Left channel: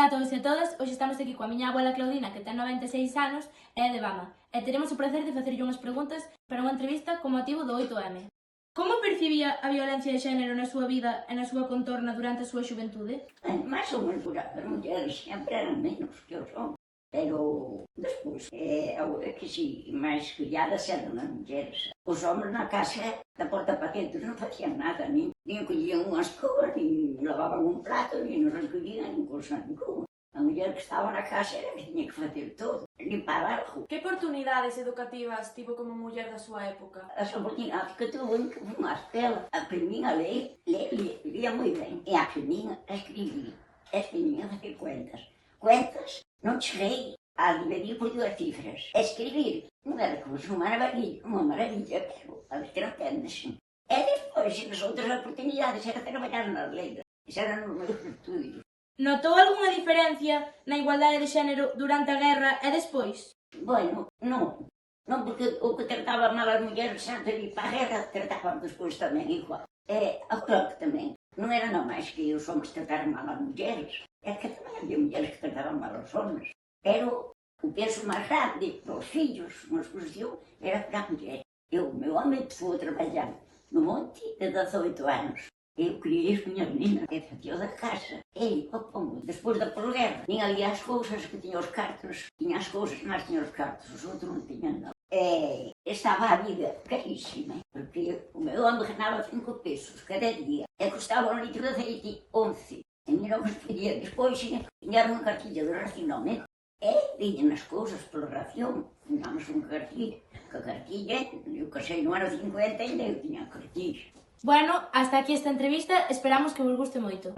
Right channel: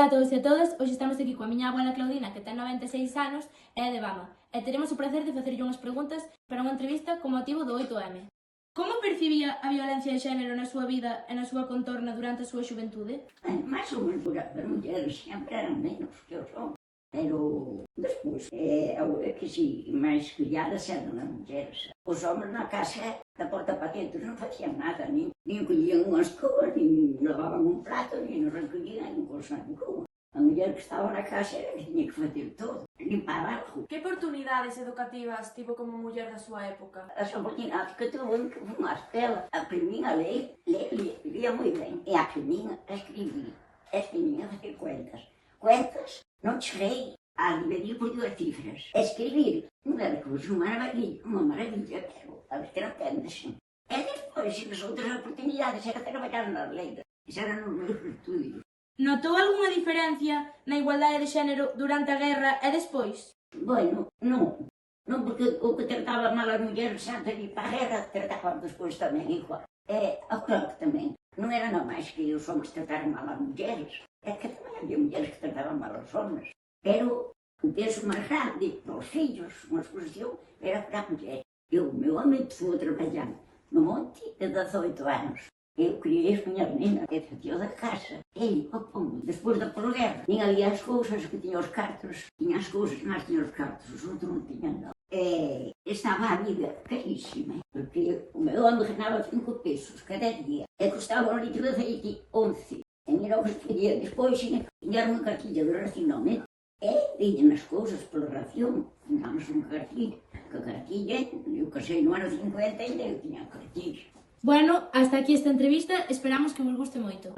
Ola a todos e a todas, hoxe estamos aquí coa miña abuela Claudina, que ten 96 anos e é de Bama, e teremos o placer de facerlle unhas preguntas para unha entrevista con motivo do 8M. Como percibía a violencia de xénero na súa vida e na súa contorna durante a súa xuventude? Máis ou menos, as mulleres sempre eran menos que os homens, pero despois, que si, máis criadas eran as mulleres. Os homens na casa, da porta para dentro, non facían nada, nin collían unha escoba, nin lavaban un plato, nin nos recollían nin cosa ninguna. A muller que estaba na casa era que tiña que facer todo, limpar algo. Que oportunidades educativas tivo como muller da súa época? As oportunidades que tuvo en que fun á escola, aprendín a ler, lia moi ben, e aprendín a escribir, a facer cuentas. Cuentas non cheguei a dividir por 2 cifras. Escribir non era como unha maravilla, pero a ver que non entendes. E despois, as outras oportunidades era trabalhar nas letras. Esa eran os meus estudios. Notou algunha diferencia na igualdade de xénero durante a guerra e despois? Bueno, non porque o que trataba mal as mulleres antes de ir para a guerra, trataban despois tamén igual. Agora que tamén, non era nada máis que os homens trataran mal as mulleres, é que tamén había mulleres que trataban mal os homens. Pero o peso máis grande para os fillos, unha exposición, era para a muller. O meu home empezou a traballar no monte de 18 anos. Eu criei as miñas meninas, e facía da casa. E, despois da posguerra, tiña ali as cousas que tiña os cartos, tiña as cousas, mas tiña os cartos, os outros non tiñan nada. Estaba a vida carísima, porque o meu home ganaba 5 pesos cada día, e custaba un litro de aceite 11. E mira o que quería despois, tiñar unha cartilla de racionamento. Tiñan as cousas pola ración, tiñamos unha cartilla, eu casei no ano 50 e eu tiña a cartilla. Bueno, hasta aquí esta entrevista, esperamos que vos guste moito.